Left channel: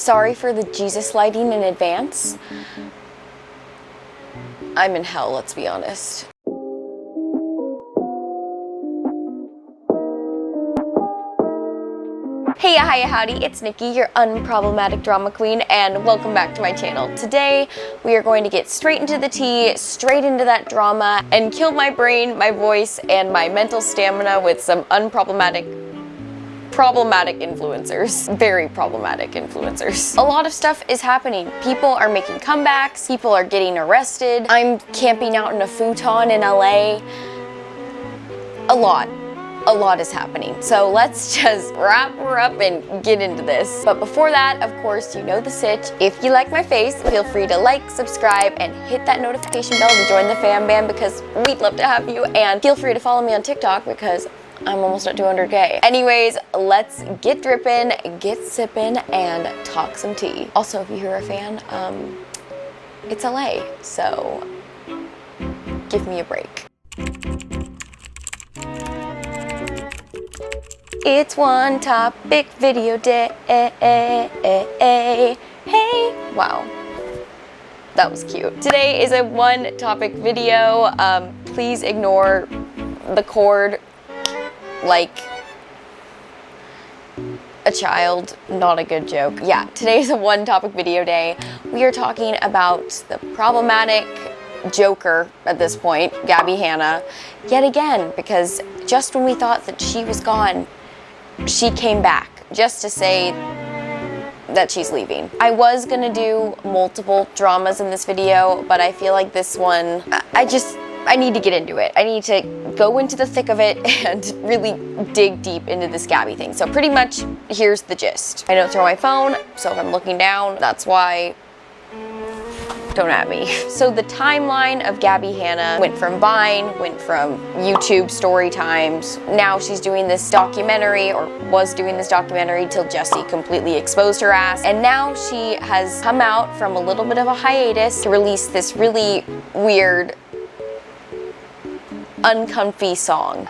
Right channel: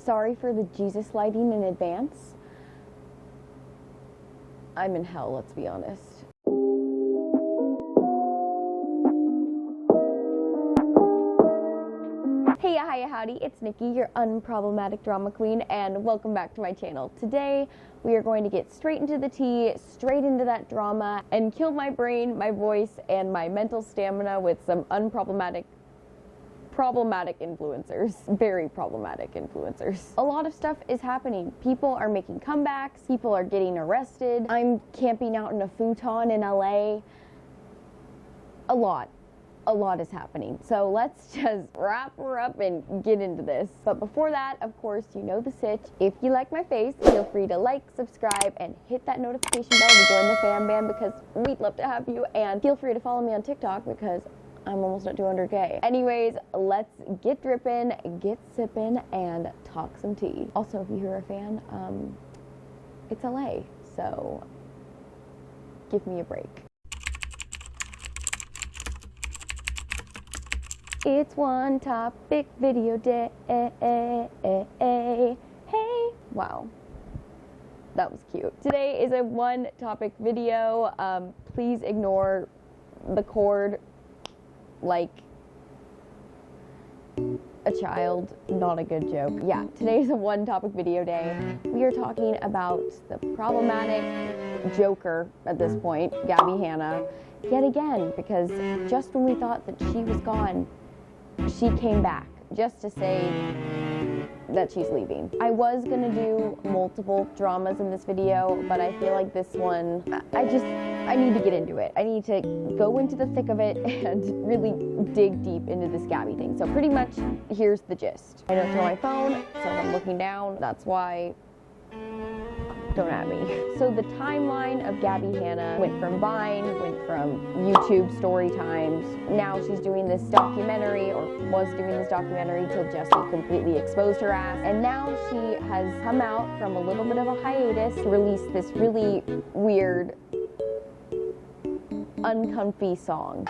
Sorry for the Jesus lighting in advance. I'm in hell, let's be honest. Hey, hiya, howdy, it's Nikki, your unproblematic drama queen, and welcome back to my channel. Today, we are going to get straight into the tea, straight into that drama, and kill my brain, my voice, and my mental stamina with some problematic influencers. Very problematic influencers. A lot of stuff is happening. People are making comebacks, people are getting arrested. I'm camping out in a futon in LA. A lot is happening. So let's just wrap her up and get into this. But before that, of course, you know the sitch. If you like my face, feel free to like, subscribe, and hit that notification bell to join the fam bam because we'd love to have you. And feel free to follow me on TikTok because I'm almost at 200K. Anyways, let's get dripping, get sipping, and talk some tea. Also, if you're a fan, it's LA, so give me a break. It's one topic video day. Hey, wow, that was cute. Today is a one topic video. Please ignore the cord like a child. Not a good joke. Yeah, today is a one topic video day. We are talking about the problematic Joker at this point, Gabbie Hanna, yet again, because just when we thought that she was gone, she came back just to say that she's leaving. I was gonna do multiple dramas in this video, but I feel like this one, I need to get into it. I need to go into the thick of it and really dig deep into this Gabbie thing. So pretty much, here's the gist. I don't throw my phone, so if I'm looking down, that's why. Don't at me. So the timeline of Gabbie Hanna went from Vine, went from YouTube story times. Now she's doing this documentary, or was doing this documentary till Jesse completely exposed her ass. And now she has come out from a little bit of a hiatus to release this really weird, uncomfy song.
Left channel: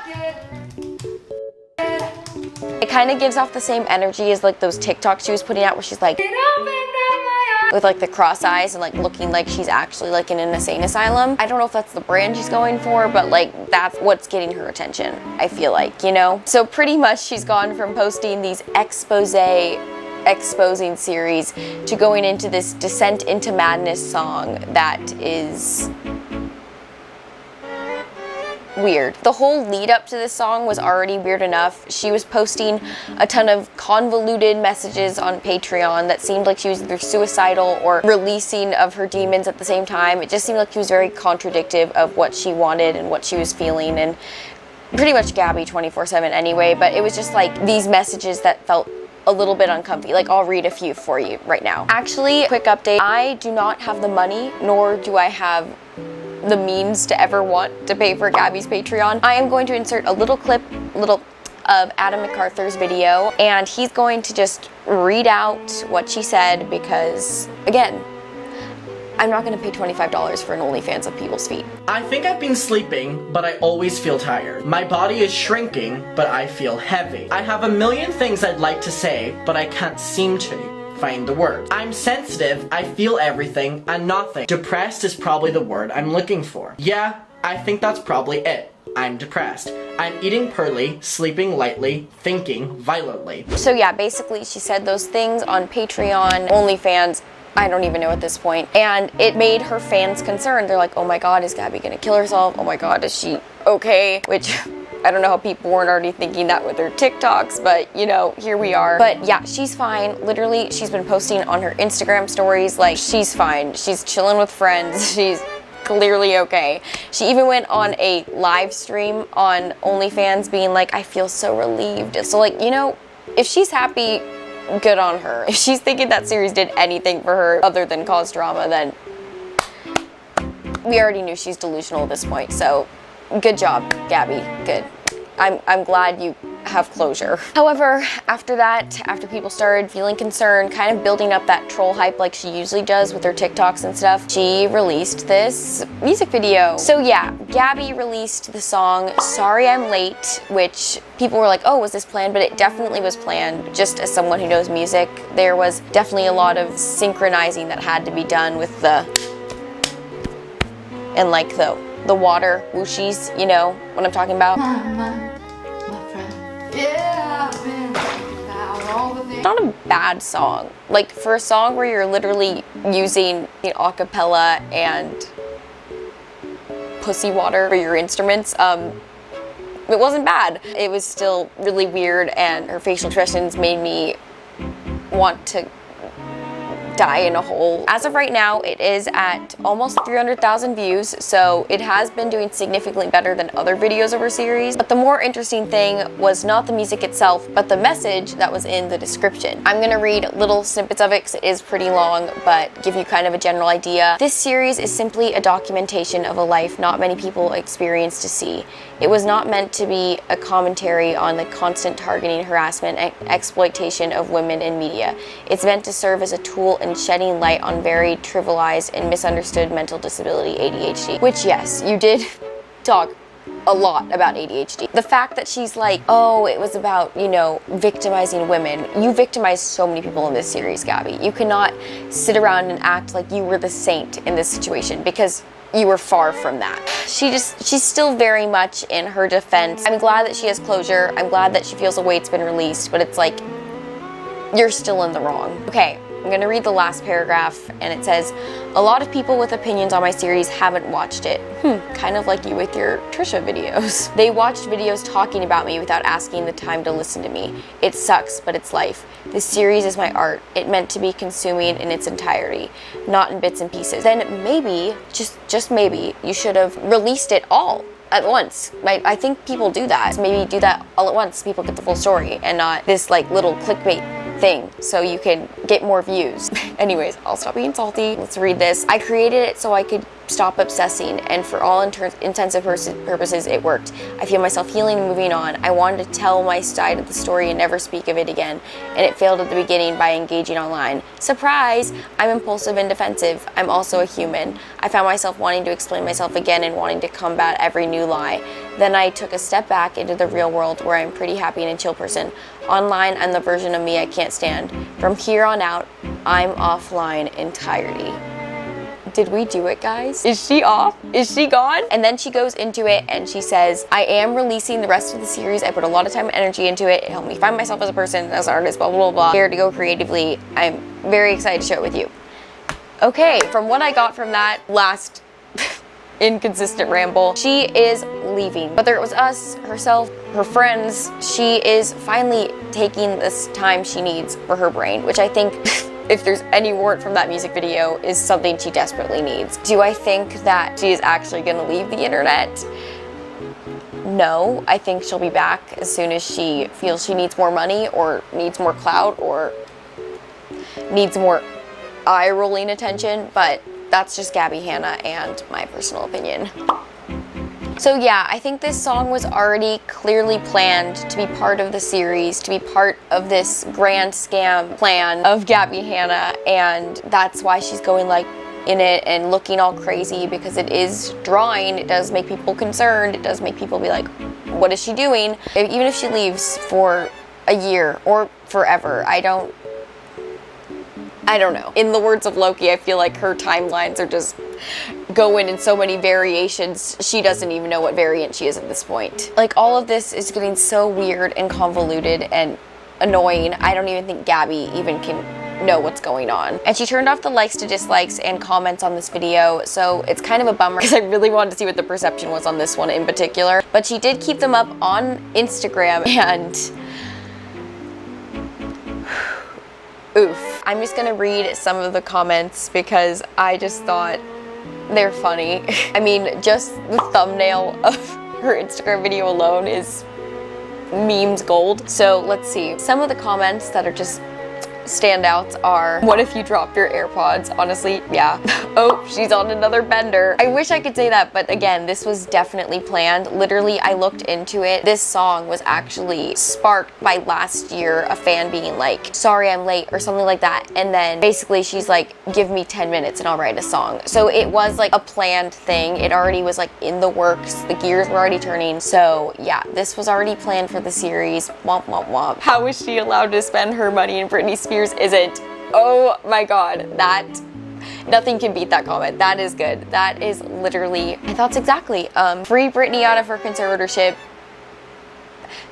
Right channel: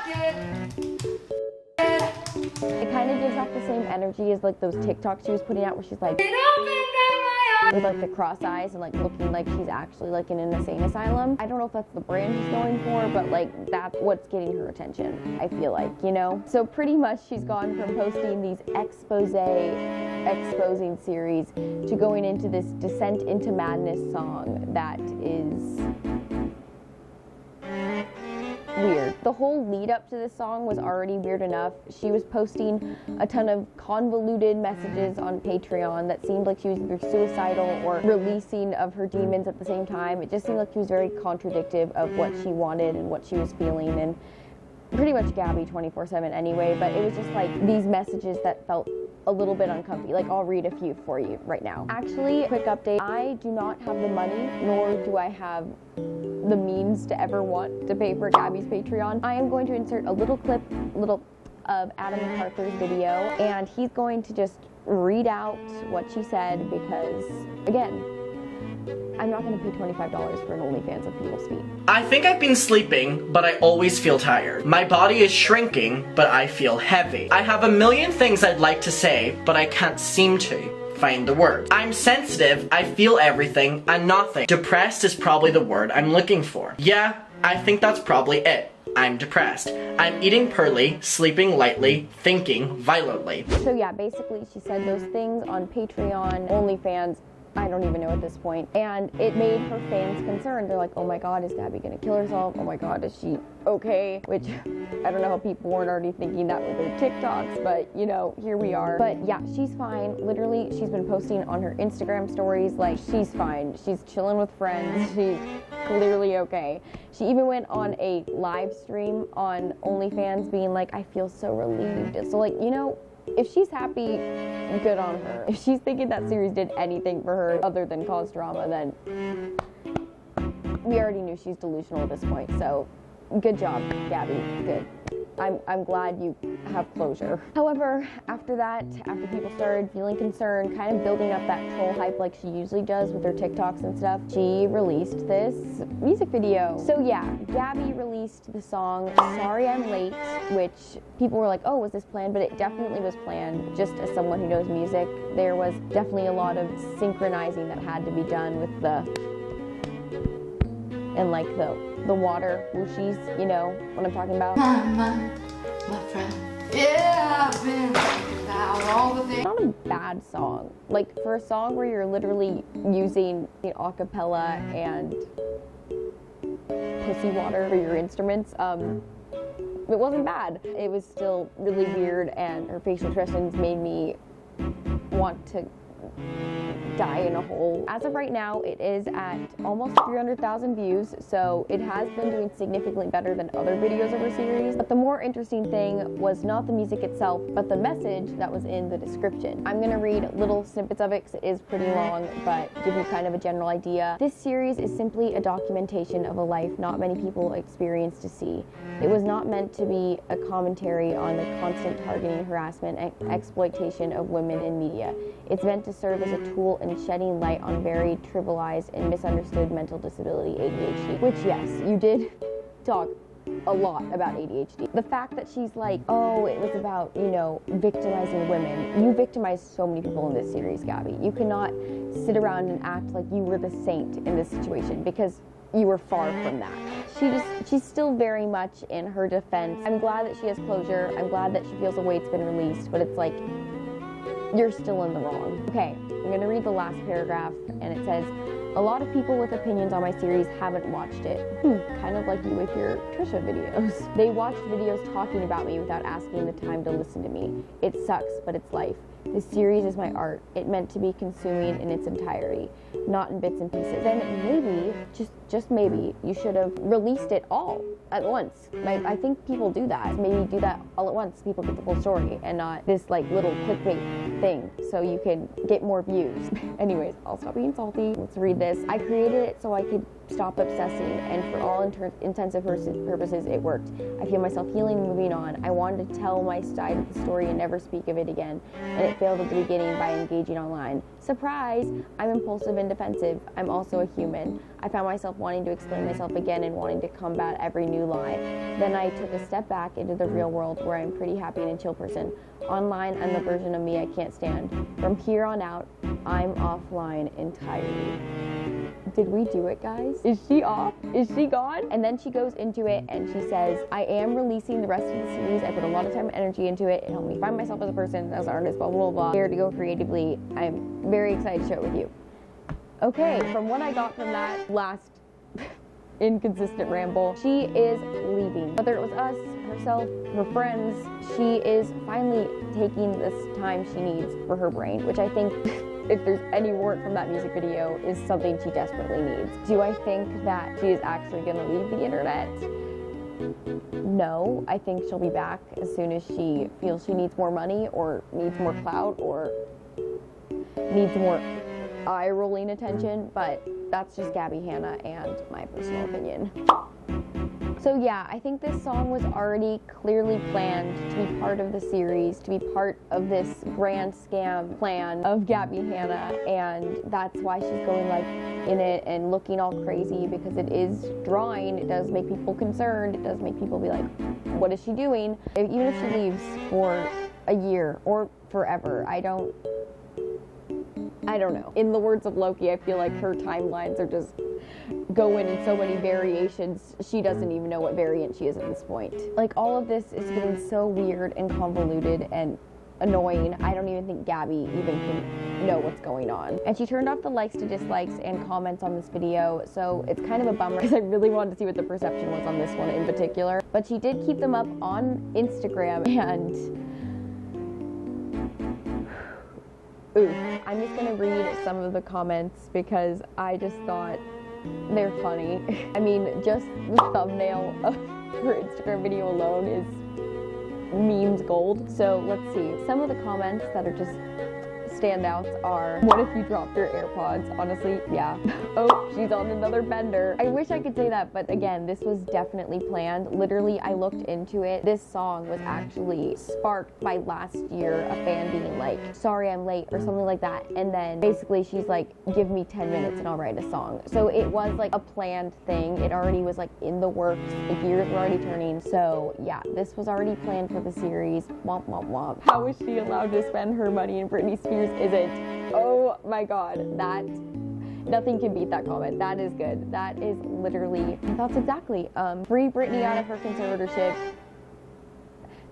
It kind of gives off the same energy as like those TikToks she was putting out where she's like, with like the cross eyes and like looking like she's actually like in an insane asylum. I don't know if that's the brand she's going for, but like that's what's getting her attention, I feel like, you know? So pretty much she's gone from posting these exposing series to going into this Descent into Madness song that is weird. The whole lead up to this song was already weird enough. She was posting a ton of convoluted messages on Patreon that seemed like she was either suicidal or releasing of her demons at the same time. It just seemed like she was very contradictive of what she wanted and what she was feeling, and pretty much Gabbie 24/7 anyway, but it was just like these messages that felt a little bit uncomfy. Like, I'll read a few for you right now. Actually, quick update, I do not have the money, nor do I have the means to ever want to pay for Gabbie's Patreon. I am going to insert a little clip of Adam MacArthur's video, and he's going to just read out what she said because, again, I'm not gonna pay $25 for an OnlyFans of people's feet. I think I've been sleeping, but I always feel tired. My body is shrinking, but I feel heavy. I have a million things I'd like to say, but I can't seem to find the words. I'm sensitive, I feel everything and nothing. Depressed is probably the word I'm looking for. Yeah, I think that's probably it. I'm depressed. I'm eating poorly, sleeping lightly, thinking violently. So yeah, basically she said those things on Patreon, OnlyFans, I don't even know at this point, and it made her fans concerned. They're like, oh my god, is Gabbie gonna kill herself? Oh my god, is she okay? Which, I don't know how people weren't already thinking that with her TikToks, but you know, here we are. But yeah, she's fine. Literally, she's been posting on her Instagram stories like she's fine. She's chilling with friends. She's clearly okay. She even went on a live stream on OnlyFans being like, I feel so relieved. So like, you know, if she's happy, good on her. If she's thinking that series did anything for her other than cause drama, then we already knew she's delusional at this point. So good job, Gabbie. Good. I'm glad you have closure. However, after that, after people started feeling concerned, kind of building up that troll hype like she usually does with her TikToks and stuff, she released this music video. So yeah, Gabby released the song Sorry I'm Late, which people were like, oh, was this planned? But it definitely was planned. Just as someone who knows music, there was definitely a lot of synchronizing that had to be done with the, and like the water whooshies, you know what I'm talking about? My friend. Yeah, I've been about all the things. Not a bad song. Like, for a song where you're literally using the acapella and pussy water for your instruments, it wasn't bad. It was still really weird, and her facial expressions made me want to die in a hole. As of right now, it is at almost 300,000 views, so it has been doing significantly better than other videos of her series. But the more interesting thing was not the music itself, but the message that was in the description. I'm gonna read little snippets of it because it is pretty long, but give you kind of a general idea. This series is simply a documentation of a life not many people experience to see. It was not meant to be a commentary on the constant targeting, harassment, and exploitation of women in media. It's meant to serve as a tool in shedding light on very trivialized and misunderstood mental disability, ADHD. Which, yes, you did talk a lot about ADHD. The fact that she's like, oh, it was about, you know, victimizing women. You victimized so many people in this series, Gabby. You cannot sit around and act like you were the saint in this situation, because you were far from that. She's still very much in her defense. I'm glad that she has closure. I'm glad that she feels a weight's been released, but it's like, you're still in the wrong. Okay, I'm gonna read the last paragraph, and it says, a lot of people with opinions on my series haven't watched it. Kind of like you with your Trisha videos. They watched videos talking about me without asking the time to listen to me. It sucks, but it's life. This series is my art. It meant to be consuming in its entirety, not in bits and pieces. Then maybe, just maybe, you should have released it all at once. I think people do that. So maybe do that all at once so people get the full story and not this like little clickbait thing so you can get more views. Anyways, I'll stop being salty. Let's read this. I created it so I could stop obsessing, and for all intents and purposes, it worked. I feel myself healing and moving on. I wanted to tell my side of the story and never speak of it again, and it failed at the beginning by engaging online. Surprise! I'm impulsive and defensive. I'm also a human. I found myself wanting to explain myself again and wanting to combat every new lie. Then I took a step back into the real world where I'm a pretty happy and a chill person. Online, I'm the version of me I can't stand. From here on out, I'm offline entirety. Did we do it, guys? Is she off? Is she gone? And then she goes into it and she says, I am releasing the rest of the series. I put a lot of time and energy into it. It helped me find myself as a person, as an artist, blah, blah, blah. Here to go creatively. I'm very excited to share it with you. Okay, from what I got from that last inconsistent ramble, she is leaving. Whether it was us, herself, her friends, she is finally taking this time she needs for her brain, which I think if there's any word from that music video, is something she desperately needs. Do I think that she is actually gonna leave the internet? No, I think she'll be back as soon as she feels she needs more money or needs more clout or needs more eye-rolling attention, but that's just Gabbie Hanna and my personal opinion. So yeah, I think this song was already clearly planned to be part of the series, to be part of this grand scam plan of Gabbie Hanna, and that's why she's going like in it and looking all crazy, because it is drawing. It does make people concerned. It does make people be like, what is she doing? Even if she leaves for a year or forever, I don't know. In the words of Loki, I feel like her timelines are just going in so many variations, she doesn't even know what variant she is at this point. Like, all of this is getting so weird and convoluted and annoying. I don't even think Gabby even can know what's going on. And she turned off the likes to dislikes and comments on this video, so it's kind of a bummer because I really wanted to see what the perception was on this one in particular. But she did keep them up on Instagram, and oof. I'm just gonna read some of the comments because I just thought they're funny. I mean, just the thumbnail of her Instagram video alone is memes gold. So let's see. Some of the comments that are just standouts are, what if you dropped your AirPods? Honestly, yeah. Oh, she's on another bender. I wish I could say that, but again, this was definitely planned. Literally, I looked into it. This song was actually sparked by last year, a fan being like, sorry I'm late, or something like that. And then basically she's like, give me 10 minutes and I'll write a song. So it was like a planned thing. It already was like in the works. The gears were already turning. So yeah, this was already planned for the series. Womp, womp, womp. How is she allowed to spend her money and Britney Spears isn't? Oh my God, that, nothing can beat that comment. That is good. That is literally my thoughts exactly. Free Britney out of her conservatorship.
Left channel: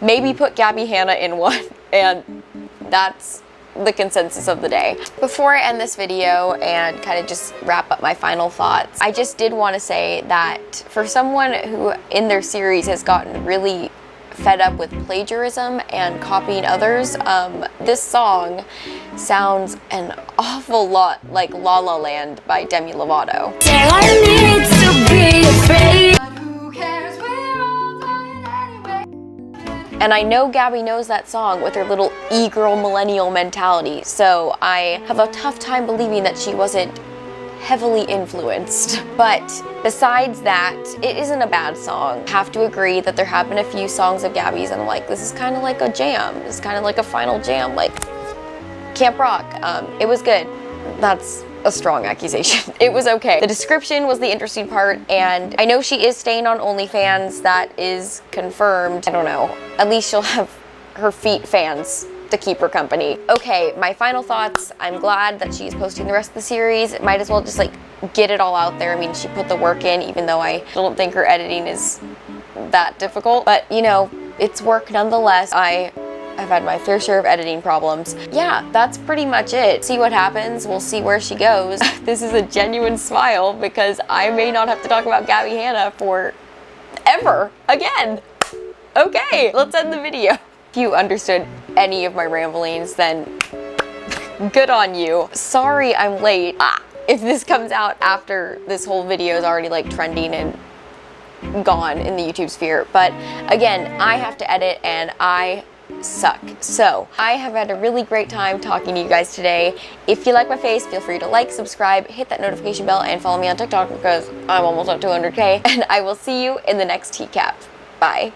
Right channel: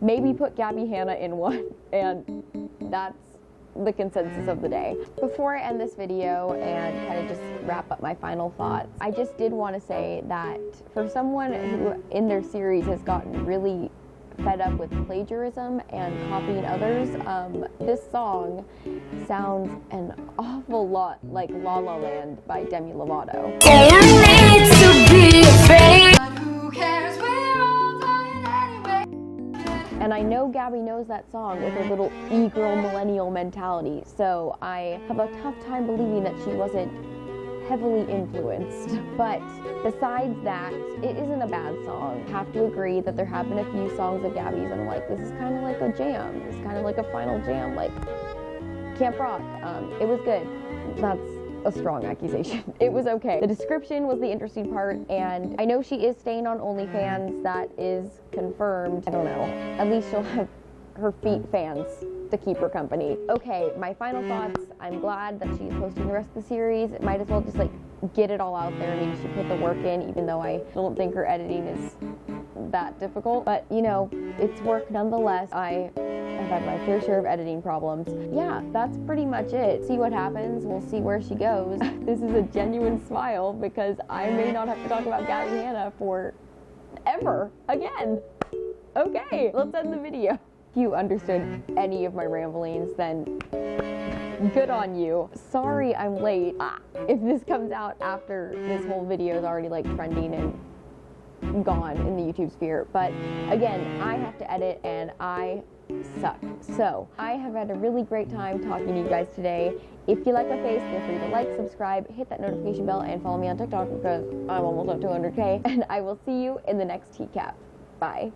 Maybe put Gabbie Hanna in one, and that's the consensus of the day. Before I end this video and kind of just wrap up my final thoughts, I just did want to say that for someone who in their series has gotten really fed up with plagiarism and copying others, this song sounds an awful lot like La La Land by Demi Lovato. Say I need to be afraid. But who cares? We're all dying anyway. And I know Gabby knows that song with her little e-girl millennial mentality, so I have a tough time believing that she wasn't heavily influenced. But besides that, it isn't a bad song. I have to agree that there have been a few songs of Gabby's and I'm like, this is kind of like a jam. This is kind of like a final jam, like Camp Rock. It was good. That's a strong accusation. It was okay. The description was the interesting part, and I know she is staying on OnlyFans. That is confirmed. I don't know. At least she'll have her feet fans to keep her company. Okay, my final thoughts. I'm glad that she's posting the rest of the series. Might as well just like get it all out there. I mean, she put the work in, even though I don't think her editing is that difficult. But you know, it's work nonetheless. I've had my fair share of editing problems. Yeah, that's pretty much it. See what happens. We'll see where she goes. This is a genuine smile because I may not have to talk about Gabbie Hanna for ever again. Okay, let's end the video. If you understood any of my ramblings, then good on you. Sorry I'm late. If this comes out after this whole video is already like trending and gone in the YouTube sphere. But again, I have to edit and I suck. So I have had a really great time talking to you guys today. If you like my face, feel free to like, subscribe, hit that notification bell, and follow me on TikTok because I'm almost at 200K. And I will see you in the next TCAP. Bye.